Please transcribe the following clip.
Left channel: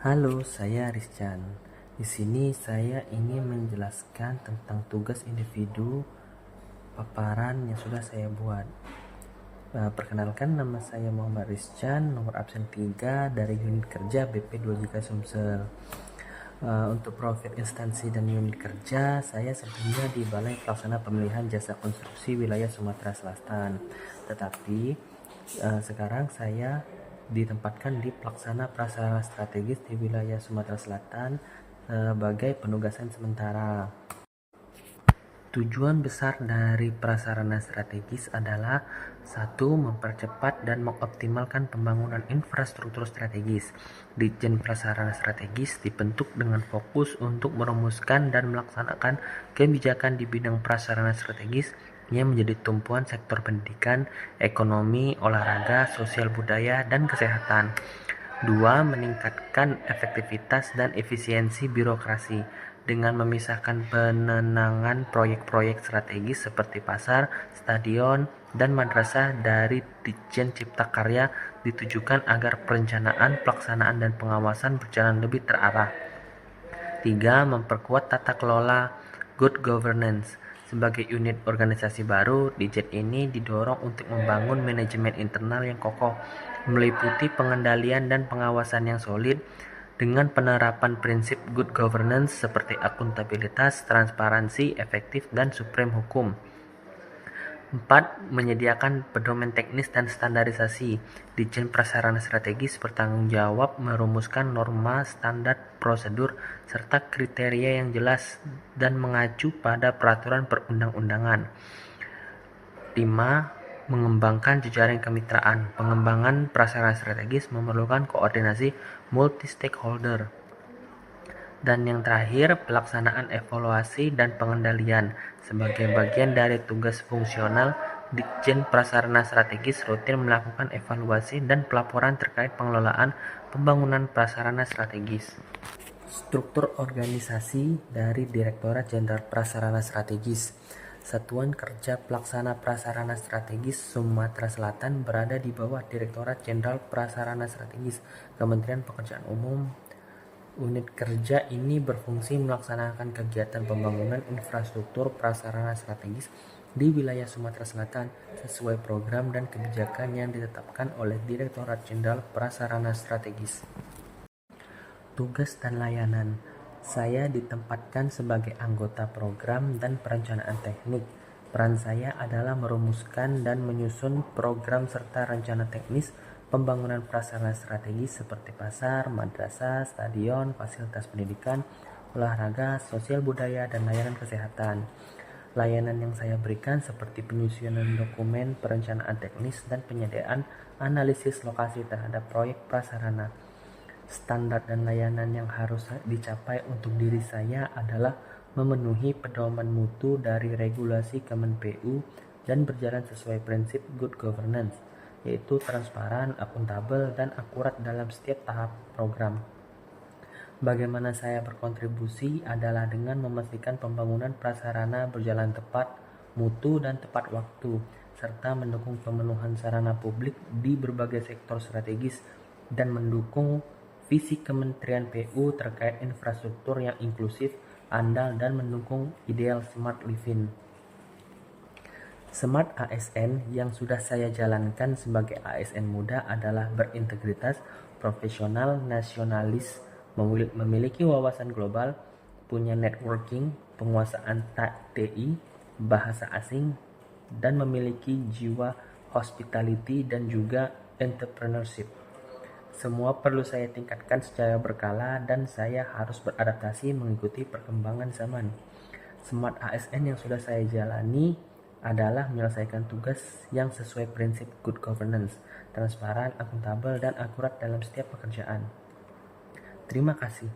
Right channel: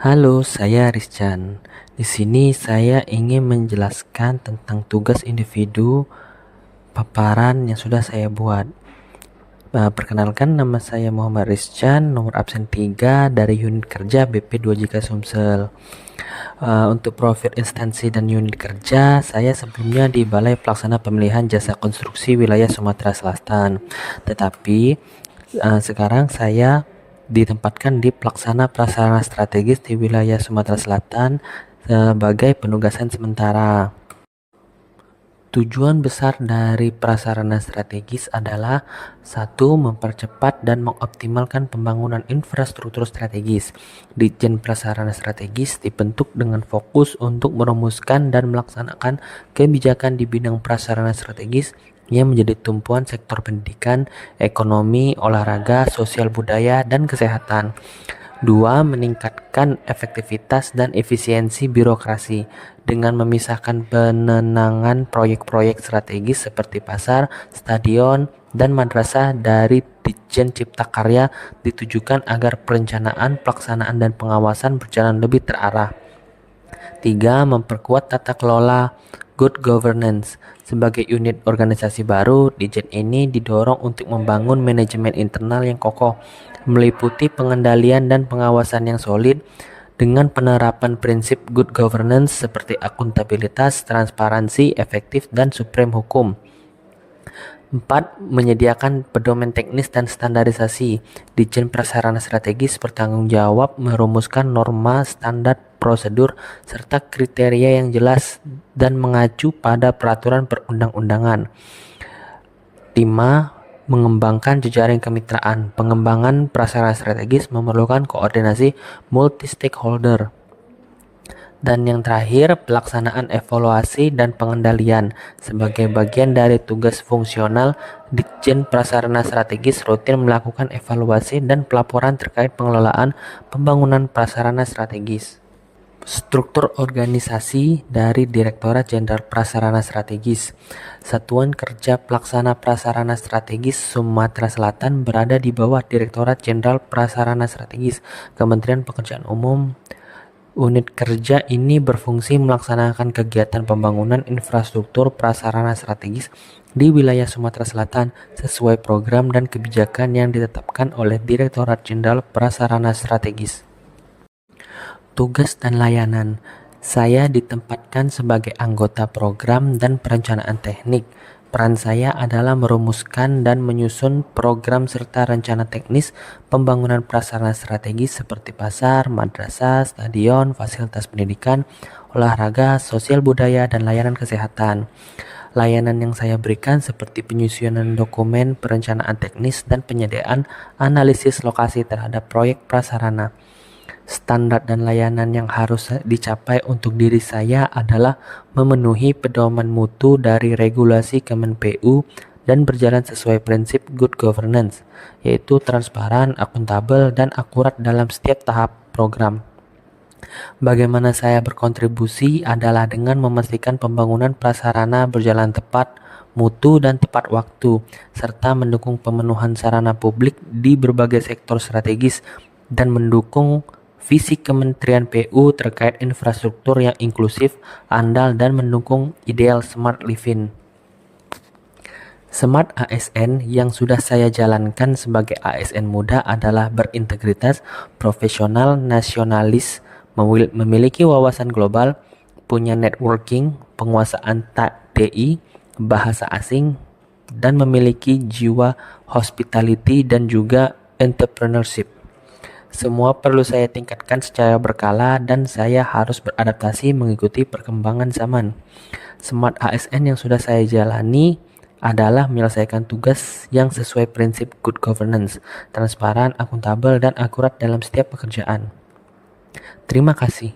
Halo, saya Rizcan. Di sini saya ingin menjelaskan tentang tugas individu paparan yang sudah saya buat. Perkenalkan, nama saya Muhammad Rizcan, nomor absen 3 dari unit kerja BP 2JK Sumsel. Untuk profil instansi dan unit kerja, saya sebelumnya di Balai Pelaksana Pemilihan Jasa Konstruksi Wilayah Sumatera Selatan. Tetapi sekarang saya ditempatkan di Pelaksana Prasarana Strategis di wilayah Sumatera Selatan sebagai penugasan sementara. Tujuan besar dari prasarana strategis adalah satu, mempercepat dan mengoptimalkan pembangunan infrastruktur strategis. Ditjen Prasarana Strategis dibentuk dengan fokus untuk merumuskan dan melaksanakan kebijakan di bidang prasarana strategis yang menjadi tumpuan sektor pendidikan, ekonomi, olahraga, sosial budaya, dan kesehatan. 2. Meningkatkan efektivitas dan efisiensi birokrasi dengan memisahkan penenangan proyek-proyek strategis seperti pasar, stadion, dan madrasah dari Ditjen Cipta Karya ditujukan agar perencanaan, pelaksanaan, dan pengawasan berjalan lebih terarah. 3. Memperkuat tata kelola good governance. Sebagai unit organisasi baru, Ditjen ini didorong untuk membangun manajemen internal yang kokoh, meliputi pengendalian dan pengawasan yang solid dengan penerapan prinsip good governance seperti akuntabilitas, transparansi, efektif, dan supreme hukum. 4. Menyediakan pedoman teknis dan standarisasi. Ditjen Prasarana Strategis bertanggung jawab merumuskan norma, standar, prosedur, serta kriteria yang jelas dan mengacu pada peraturan perundang-undangan. 5. Mengembangkan jejaring kemitraan. Pengembangan prasarana strategis memerlukan koordinasi multi-stakeholder. Dan yang terakhir, pelaksanaan evaluasi dan pengendalian. Sebagai bagian dari tugas fungsional, Ditjen Prasarana Strategis rutin melakukan evaluasi dan pelaporan terkait pengelolaan pembangunan prasarana strategis. Struktur organisasi dari Direktorat Jenderal Prasarana Strategis. Satuan Kerja Pelaksana Prasarana Strategis Sumatera Selatan berada di bawah Direktorat Jenderal Prasarana Strategis, Kementerian Pekerjaan Umum. Unit kerja ini berfungsi melaksanakan kegiatan pembangunan infrastruktur prasarana strategis di wilayah Sumatera Selatan sesuai program dan kebijakan yang ditetapkan oleh Direktorat Jenderal Prasarana Strategis. Tugas dan layanan. Saya ditempatkan sebagai anggota program dan perencanaan teknik. Peran saya adalah merumuskan dan menyusun program serta rencana teknis pembangunan prasarana strategis seperti pasar, madrasah, stadion, fasilitas pendidikan, olahraga, sosial budaya, dan layanan kesehatan. Layanan yang saya berikan seperti penyusunan dokumen, perencanaan teknis, dan penyediaan analisis lokasi terhadap proyek prasarana. Standar dan layanan yang harus dicapai untuk diri saya adalah memenuhi pedoman mutu dari regulasi Kemenpu dan berjalan sesuai prinsip good governance, yaitu transparan, akuntabel, dan akurat dalam setiap tahap program. Bagaimana saya berkontribusi adalah dengan memastikan pembangunan prasarana berjalan tepat, mutu, dan tepat waktu, serta mendukung pemenuhan sarana publik di berbagai sektor strategis dan mendukung visi Kementerian PU terkait infrastruktur yang inklusif, andal, dan mendukung ideal smart living. Smart ASN yang sudah saya jalankan sebagai ASN muda adalah berintegritas, profesional, nasionalis, memiliki wawasan global, punya networking, penguasaan TI, bahasa asing, dan memiliki jiwa hospitality dan juga entrepreneurship. Semua perlu saya tingkatkan secara berkala dan saya harus beradaptasi mengikuti perkembangan zaman. Smart ASN yang sudah saya jalani adalah menyelesaikan tugas yang sesuai prinsip good governance, transparan, akuntabel, dan akurat dalam setiap pekerjaan. Terima kasih.